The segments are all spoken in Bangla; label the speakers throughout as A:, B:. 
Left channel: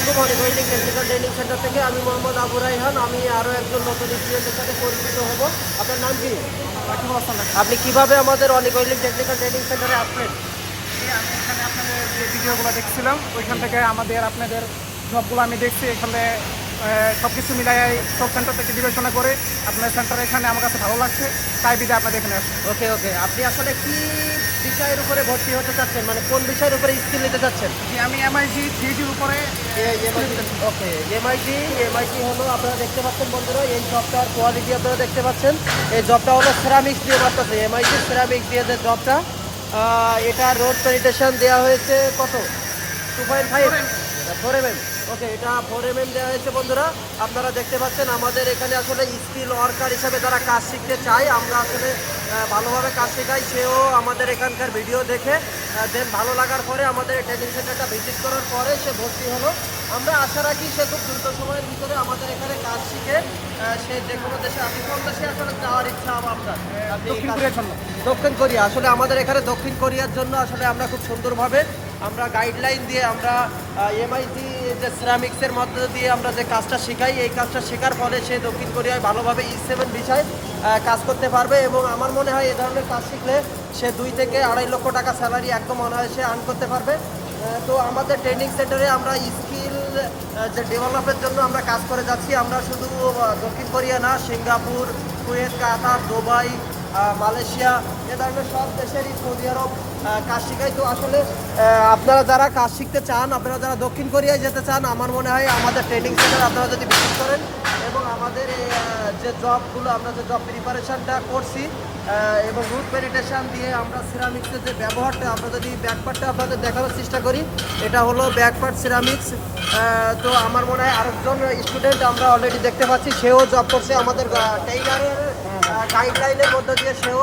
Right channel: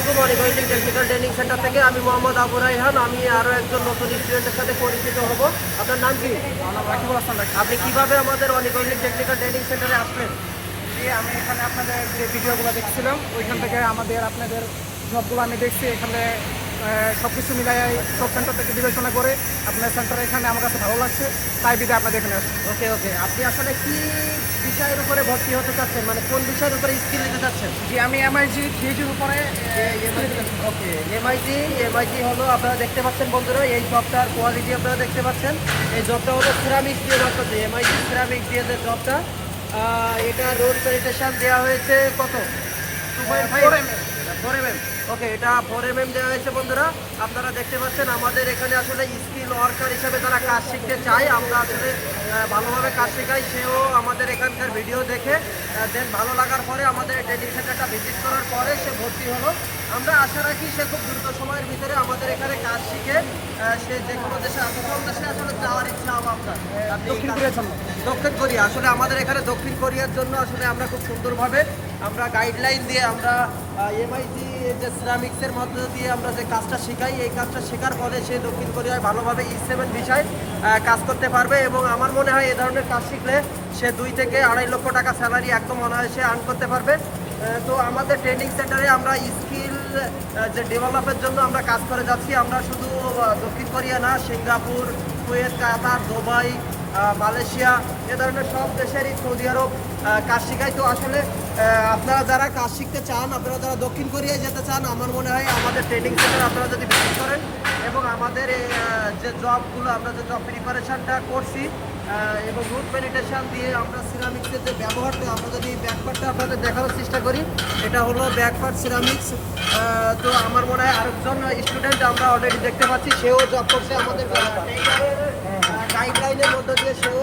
A: আলাইকুম অনিভাইটিং টেকনিক্যাল ট্রেনিং সেন্টার থেকে আমি মোহাম্মদ আবু রাইহান আমি আরও একজন নতুন স্টুডেন্টের সাথে পরিচিত হব। আপনার নাম কি?
B: আমার রাকিবুল হাসান রাকিব।
A: আপনি কীভাবে আমাদের অনিগঞ্জন টেকনিক্যাল ট্রেনিং সেন্টারে আসলেন?
B: আমি এখানে আপনাদের যে ভিডিওগুলো দেখছিলাম ওইখান থেকে আমাদের আপনাদের জবগুলো আমি দেখছি। এখানে সব কিছু মিলাই সব সেন্টার থেকে বিবেচনা করে আপনার সেন্টার এখানে আমার কাছে ভালো লাগছে। তাই বিদে আপনাদের এখানে আসছি।
A: ওকে ওকে। আপনি আসলে কি বিষয়ের উপরে ভর্তি হতে চাচ্ছেন? মানে কোন বিষয়ের উপরে স্কিল নিতে চাচ্ছেন?
B: যে আমি এমআইজি থ্রিজির উপরে
A: ওকে এমআইটি এমআইটি হলো আপনারা দেখতে পাচ্ছেন বন্ধুরা এই জবটার কোয়ালিটি আপনারা দেখতে পাচ্ছেন। এই জবটা হলো সিরামিক্স দিয়ে করতেছে এমআইটি সিরামিক্স দিয়ে যে জবটা এটা রোড স্যানিটেশন দেওয়া হয়েছে কত? Two point five four M okay এটা ফোর এম এম দেওয়া হয়েছে বন্ধুরা। আপনারা দেখতে পাচ্ছেন আমাদের এখানে আসলে স্কিল ওয়ার্কার হিসাবে তারা কাজ শিখতে চায়। আমরা আসলে ভালোভাবে কাজ শেখাই। সেও আমাদের এখানকার ভিডিও দেখে দেন ভালো লাগার পরে আমাদের ট্রেনিং সেন্টারটা ভিজিট করার পরে সে ভর্তি হলো। আমরা আশা রাখি সে খুব দ্রুত সময়ের ভিতরে আমাদের এখানে কাজ শিখে সে যে কোনো দেশে আছে কোন দেশে আসলে যাওয়ার ইচ্ছা হবে আপনার
B: দক্ষিণ কোরিয়ার জন্য?
A: দক্ষিণ কোরিয়া। আসলে আমাদের এখানে দক্ষিণ কোরিয়ার জন্য আসলে আমরা খুব সুন্দরভাবে আমরা গাইডলাইন দিয়ে আমরা এমআইটি যে সিরামিক্সের মধ্যে দিয়ে আমরা যে কাজটা শেখাই, এই কাজটা শেখার পরে সে দক্ষিণ কোরিয়ায় ভালোভাবে ই সেভেন বিষয় কাজ করতে পারবে এবং আমার মনে হয় এ ধরনের কাজ শিখলে সে দুই থেকে আড়াই লক্ষ টাকা স্যালারি একদম অনায়াসে আর্ন করতে পারবে। তো আমাদের ট্রেনিং সেন্টারে আমরা স্কিল যে ডেভেলপের জন্য আমরা কাজ করে যাচ্ছি, আমরা শুধু দক্ষিণ কোরিয়া না, Singapore, Kuwait, Qatar, Dubai Malaysia, এ ধরনের সব দেশেরই সৌদি আরব কাজ শিখায়। তো আসলে আপনারা যারা কাজ শিখতে চান, আপনারা যারা দক্ষিণ কোরিয়ায় যেতে চান, আমার মনে হয় আমাদের ট্রেনিং সেন্টার আপনারা যদি ভিজিট করেন এবং আমাদের যে জবগুলো আমরা যে জব প্রিপারেশনটা করছি এবং রুট মেডিটেশন দিয়ে আমরা সিরামিক্সের যে ব্যবহারটা, আমরা যদি ব্যাকপার্টটা আপনাদের দেখানোর চেষ্টা করি, এটা হলো ব্যাকপার্ট সিরামিক্স তো আমার মনে হয় আরেকজন স্টুডেন্ট আমরা অলরেডি দেখতে পাচ্ছি, সেও জব করছে আমাদের টেইলারের গাইডলাইনের মধ্যে দিয়ে সেও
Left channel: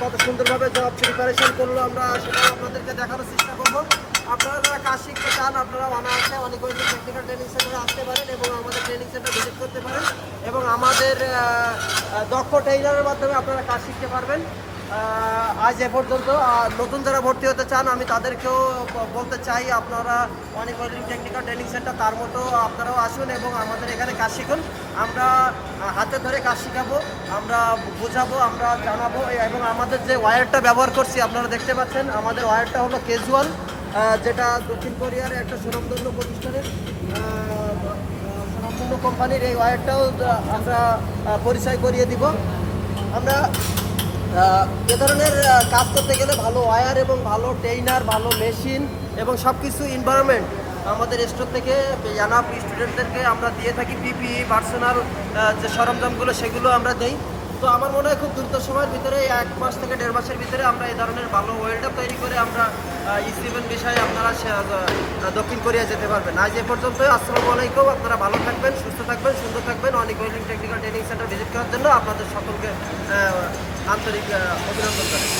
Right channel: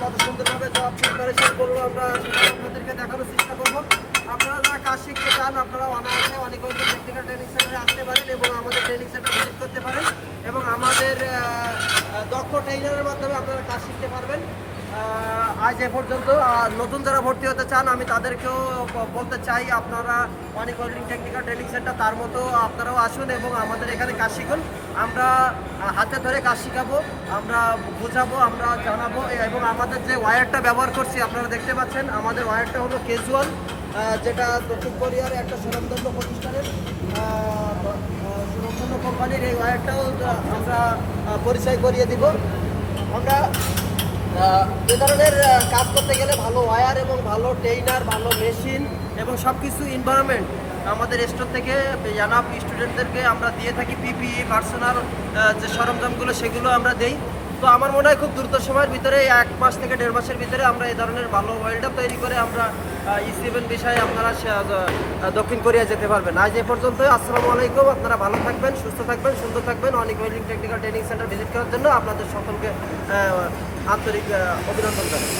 A: কত সুন্দরভাবে জব প্রিপারেশন করল। আমরা সেটা আপনাদেরকে দেখানোর চেষ্টা করব। আপনারা যারা কাজ শিখতে চান আপনারা অনায়াসে অনেক টেকনিক্যাল ট্রেনিং সেন্টারে আসতে পারেন এবং আমাদের ট্রেনিং সেন্টার ভিজিট করতে পারেন। এবং আমাদের দক্ষ ট্রেইনারের মাধ্যমে আপনারা কাজ শিখতে পারবেন। আজ এ পর্যন্ত নতুন যারা ভর্তি হতে চান আমি তাদেরকেও বলতে চাই আপনারা অনেক টেকনিক্যাল ট্রেনিং সেন্টার তার মতো আপনারাও আসুন এবং আমাদের এখানে কাজ শিখুন। আমরা হাতে ধরে কাজ শেখাবো আমরা বোঝাবো আমরা জানাব এবং আমাদের যে ওয়্যারটা ব্যবহার করছি আপনারা দেখতে পাচ্ছেন আমাদের ওয়্যারটা হলো কেজুয়াল যেটা দক্ষিণ কোরিয়ার একটা সুনামধন্য প্রতিষ্ঠানের আহ, সুনামধন্য কোম্পানির এই ওয়্যারটাও আমরা পরিচয় করিয়ে দিব। আমরা এ ধরনের কাজ করতে গেলে ভালো ওয়্যার এবং ভালো ট্রেইনার ভালো মেশিন এবং সব কিছু এনভায়রনমেন্ট আমাদের স্টোর থেকে জানাব স্টুডেন্টদেরকে আমরা দিয়ে থাকি পিপি পার্সোনাল যে সরঞ্জামগুলো সেগুলো আমরা দেই। তো আমার মনে হয় খুব দ্রুত সময়ের ভিতরে, এক মাস থেকে দেড় মাসের ভিতরে আমরা এই ধরনের ভালো ওয়েল্ডার তৈরি করে আমরা ই বিষয়ে আপনারা দক্ষিণ কোরিয়া যেতে পারবেন। আজ এ পর্যন্ত আসসালামু আলাইকুম, আপনারা ভালো থাকবেন, সুস্থ থাকবেন, সুন্দর থাকবেন। অনেক welding technical training center visit করার জন্য আপনাদের সকলকে আন্তরিক অভিনন্দন জানাই।